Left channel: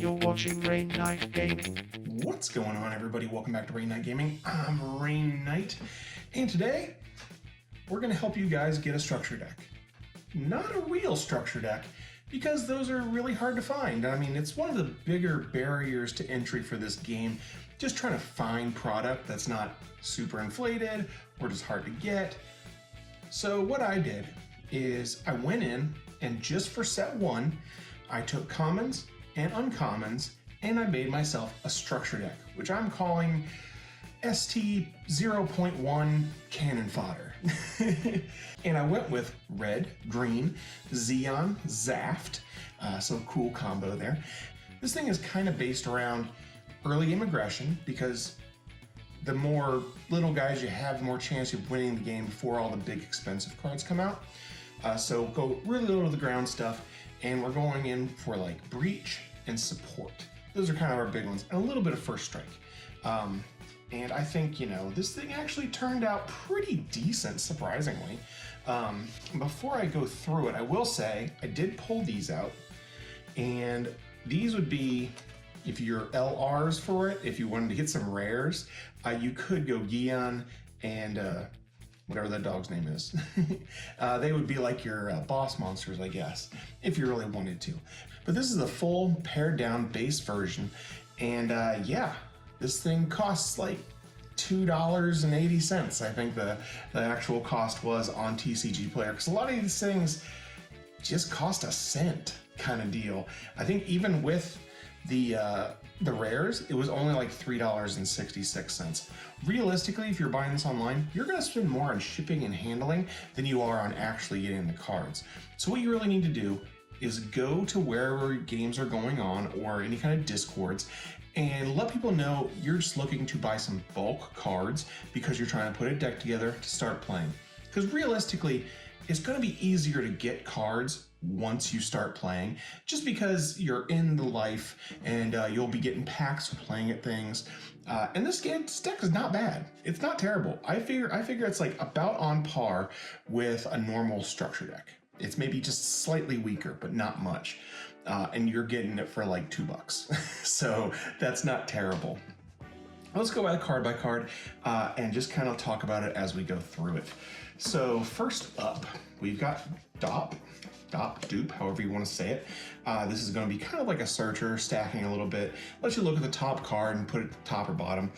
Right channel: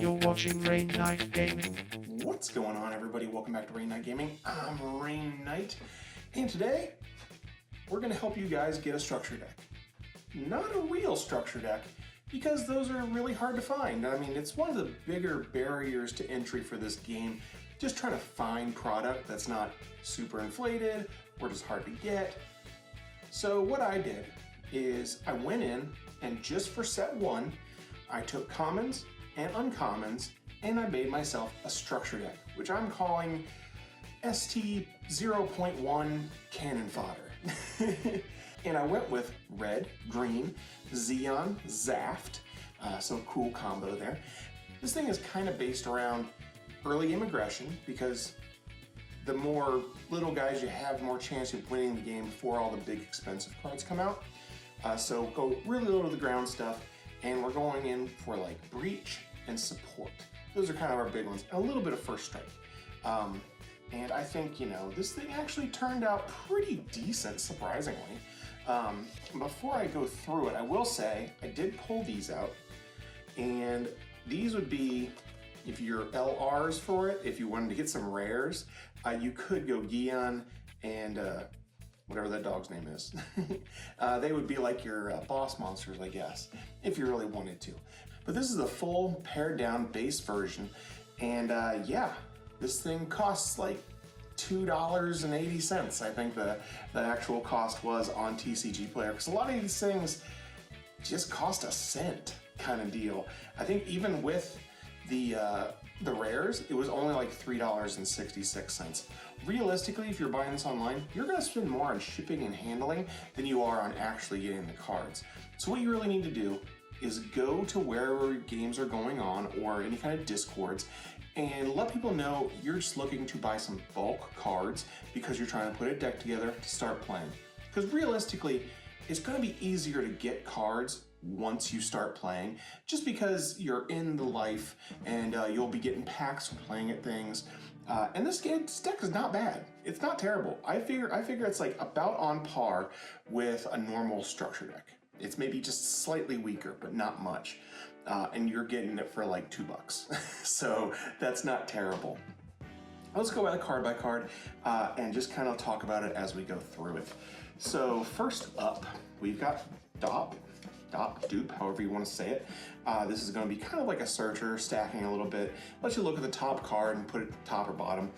You're watching Rain Knight Gaming. What's going on, everybody? Welcome back to Rain Knight Gaming. I'm Rain Knight, and today we're going to help you guys get a structure deck. Not a real structure deck, because those are really hard to find. I mean, it's one of the bigger barriers to entry for this game, just trying to find product that's not super inflated or just hard to get. So what I did is I went in and just for set one, I took commons and uncommons and I made myself a structure deck, which I'm calling ST 0.1 Cannon Fodder. And I went with red, green, Xeon, Zaft, so cool combo there. This thing is kind of based around early game aggression because the more little guys you have, the more chance of winning the game before all the big expensive cards come out. So go really low to the ground stuff, and we're going in for like breach and support. Those are kind of our big ones, and a little bit of first strike. And I think, you know, this thing actually turned out pretty decent, surprisingly. Before I go through it, I will say I did pull these out, and these would be, if you're LRs for it, if you wanted to get some rares, you could go Gion and whatever that dog's name is. They would be like your boss monsters, I guess, if you really wanted to. But this is a full pared down base version, and yeah, this thing costs like $2.80. I think the actual cost was on TCG Player, because a lot of these things just cost a cent kind of deal. I think even with the rares, it was only like $3.66. Realistically, if you're buying this online, you're going to spend more on shipping and handling than you are on actually getting the cards. So what you really need to do is go to wherever games are going on or any kind of discords and let people know you're just looking to buy some bulk cards because you're trying to put a deck together to start playing. Because realistically, it's going to be easier to get cards once you start playing, just because you're in the life and you'll be getting packs playing at things. And this deck is not bad. It's not terrible. I figure it's like about on par with a normal structure deck. It's maybe just slightly weaker, but not much. And you're getting it for like $2. So that's not terrible. Let's go by card and just kind of talk about it as we go through it. So first up, we've got Dopp, Dupe, however you want to say it. This is going to be kind of like a searcher, stacking a little bit. Let you look at the top card and put it top or bottom.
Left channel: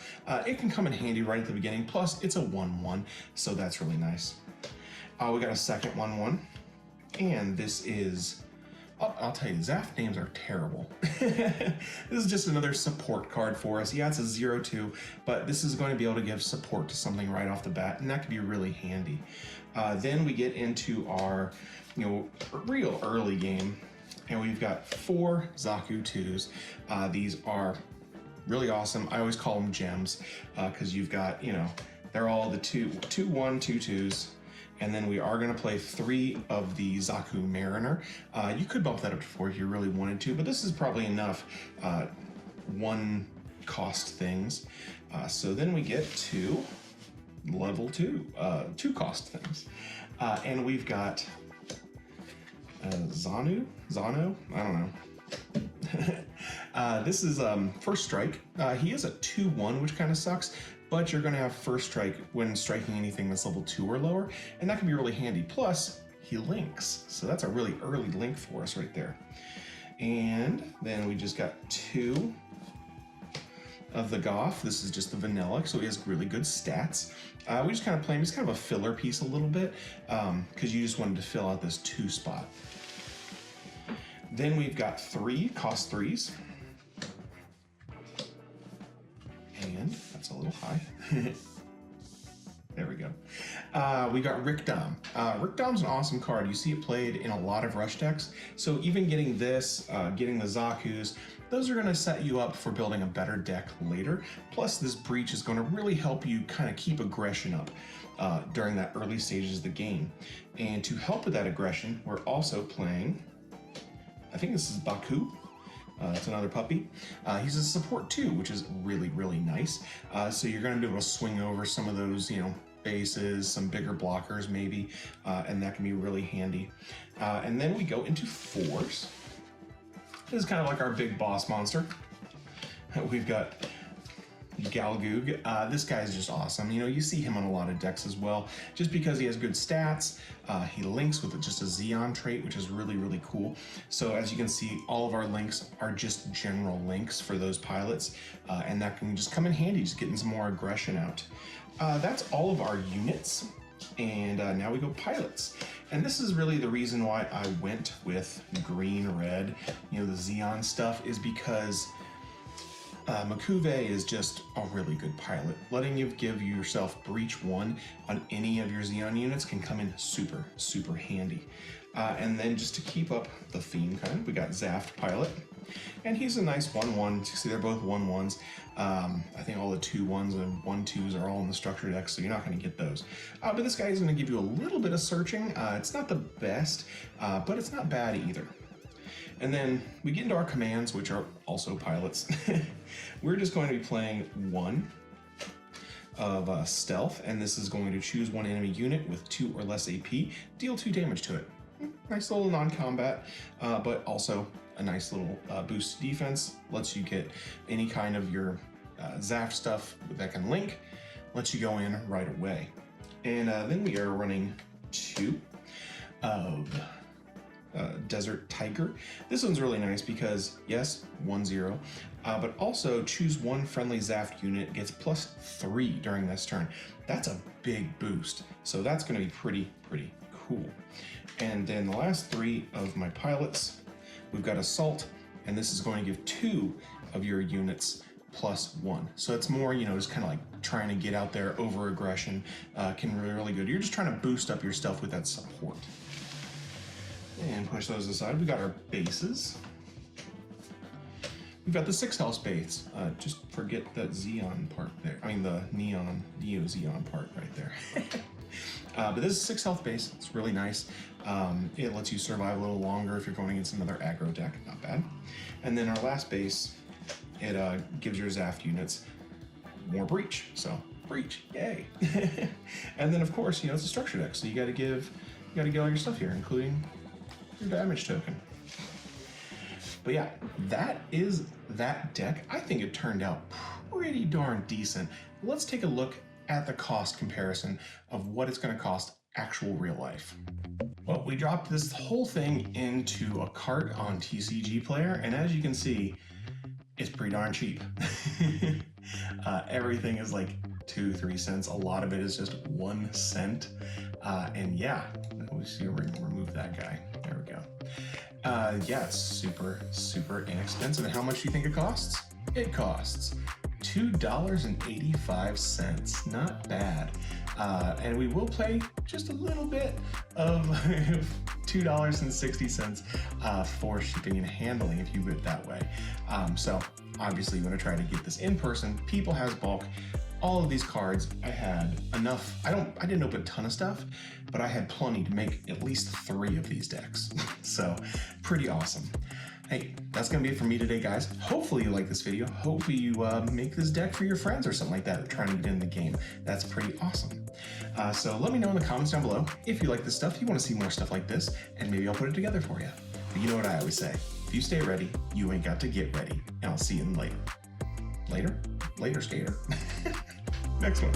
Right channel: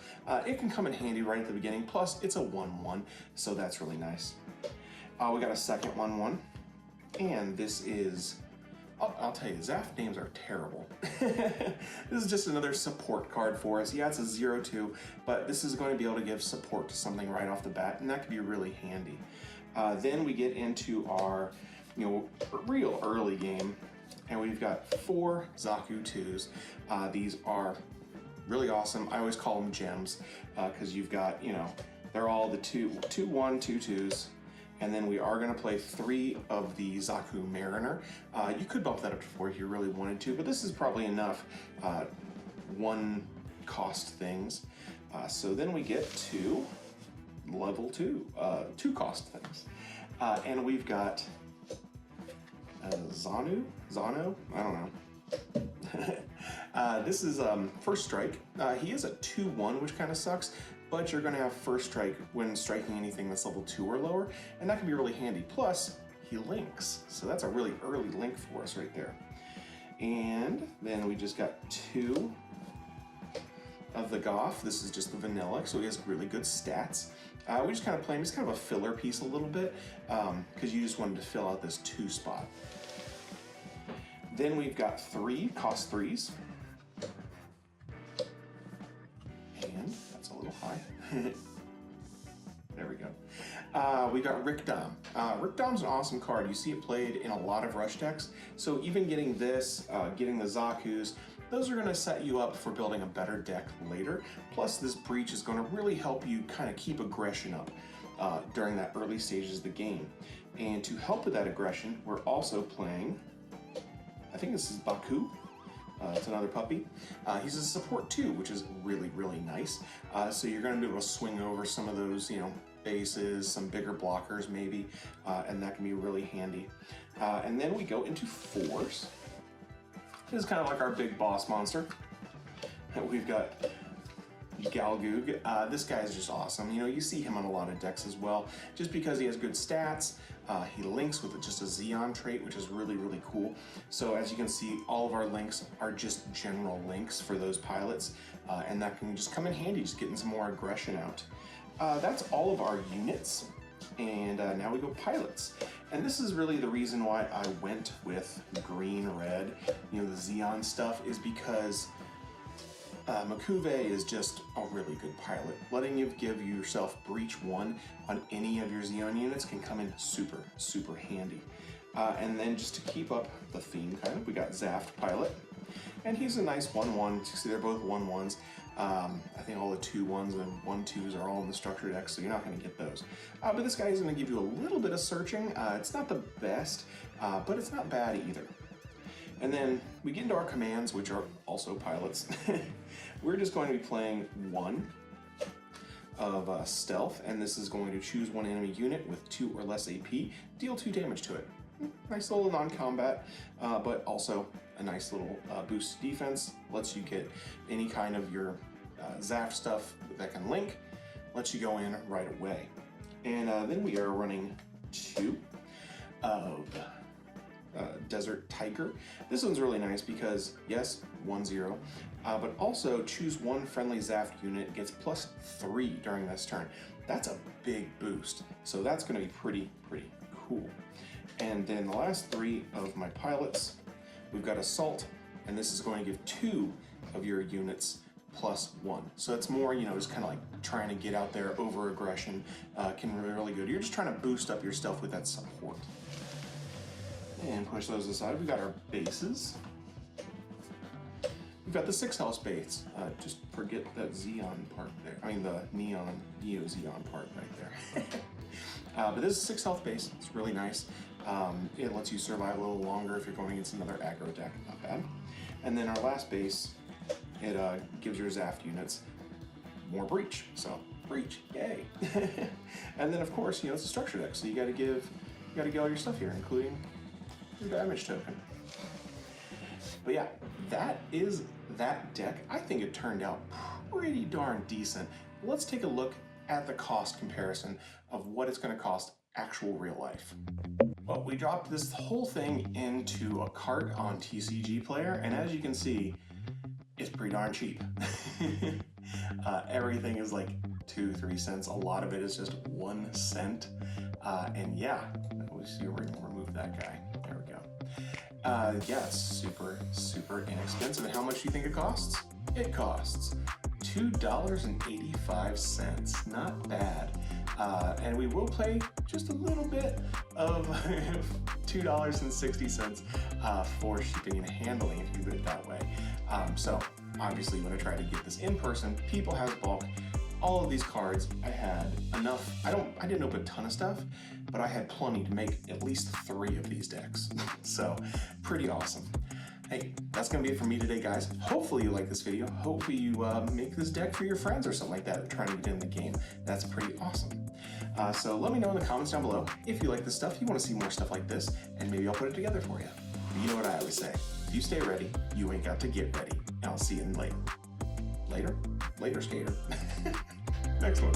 It can come in handy right at the beginning, plus it's a 1/1, so that's really nice. We got a second 1/1, and this is, I'll tell you, Zaft names are terrible. This is just another support card for us. Yeah, it's a 0/2, but this is going to be able to give support to something right off the bat, and that could be really handy. Then we get into our, real early game, and we've got 4 Zaku IIs. These are really awesome. I always call them gems, because you've got, they're all the 2/1, 2/2s. And then we are going to play 3 of the Zaku Mariner. You could bump that up to 4 if you really wanted to, but this is probably enough one cost things. So then we get to level 2, 2 cost things. And we've got Zano? I don't know. This is First Strike. He is a 2/1, which kind of sucks, but you're going to have First Strike when striking anything that's level 2 or lower, and that can be really handy. Plus, he links, so that's a really early link for us right there. And then we just got 2 of the Gouf. This is just the vanilla, so he has really good stats. We just kind of play him. He's kind of a filler piece a little bit, because you just wanted to fill out this 2 spot. Then we've got 3 cost 3s. And that's a little high. There we go. We got Rick Dom. Rick Dom's an awesome card. You see it played in a lot of rush decks. So even getting this, getting the Zakus, those are going to set you up for building a better deck later. Plus this breach is going to really help you kind of keep aggression up during that early stages of the game. And to help with that aggression, we're also playing, I think this is BuCUE. It's another puppy. He's a support too, which is really, really nice. So you're going to be able to swing over some of those, bases, some bigger blockers maybe, and that can be really handy. And then we go into 4s. This is kind of like our big boss monster. We've got Gelgoog. This guy's just awesome. You know, you see him on a lot of decks as well, just because he has good stats. He links with just a Xeon trait, which is really, really cool. So as you can see, all of our links are just general links for those pilots, and that can just come in handy, just getting some more aggression out. That's all of our units, and now we go pilots. And this is really the reason why I went with green, red, you know, the Xeon stuff, is because BuCUE is just a really good pilot. Letting you give yourself breach 1 on any of your Xeon units can come in super, super handy. And then just to keep up the theme kind, we got Zaft pilot. And he's a nice 1/1. You see they're both 1/1s. I think all the 2/1s and 1/2s are all in the structure deck, so you're not going to get those. But this guy is going to give you a little bit of searching. It's not the best, but it's not bad either. And then we get into our commands, which are also pilots. We're just going to be playing 1 of stealth, and this is going to choose 1 enemy unit with 2 or less AP, deal 2 damage to it. Nice little non-combat, but also a nice little boost defense. Lets you get any kind of your Zaft stuff that can link, lets you go in right away. And then we are running 2 of Desert Tiger. This one's really nice because, yes, 1/0, but also choose 1 friendly Zaft unit, gets +3 during this turn. That's a big boost, so that's going to be pretty cool. And then the last 3 of my pilots, we've got Assault, and this is going to give 2 of your units +1. So it's more, you know, just kind of like trying to get out there over aggression, can be really good. You're just trying to boost up your stuff with that support. And push those aside. We got our bases. We've got the 6 health base. Just forget that Xeon part there. I mean the Neo Xeon part right there. But this is 6 health base. It's really nice. It lets you survive a little longer if you're going against another aggro deck. Not bad. And then our last base, it gives your Zaft units more breach. So breach, yay! And then of course, you know, it's a structure deck, so you got to get all your stuff here, including damage token. But yeah, that is that deck. I think it turned out pretty darn decent. Let's take a look at the cost comparison of what it's going to cost actual real life. Well, we dropped this whole thing into a cart on TCG Player, and as you can see, it's pretty darn cheap. Everything is like 2-3 cents. A lot of it is just 1 cent. And yeah, we'll see, we're gonna remove that guy. There we go. Yeah, it's super inexpensive. And how much do you think it costs? It costs $2.85. Not bad. And we will play just a little bit of $2.60 for shipping and handling if you do it that way. So obviously you want to try to get this in person. People has bulk. All of these cards, I had enough. I didn't open a ton of stuff, but I had plenty to make at least 3 of these decks. So pretty awesome. Hey, that's gonna be it for me today, guys. Hopefully you like this video. Hopefully you make this deck for your friends or something like that trying to get in the game. That's pretty awesome. So let me know in the comments down below if you like this stuff, you want to see more stuff like this, and maybe I'll put it together for you. But you know what I always say, if you stay ready, you ain't got to get ready. And I'll see you later. Later, skater. Next one.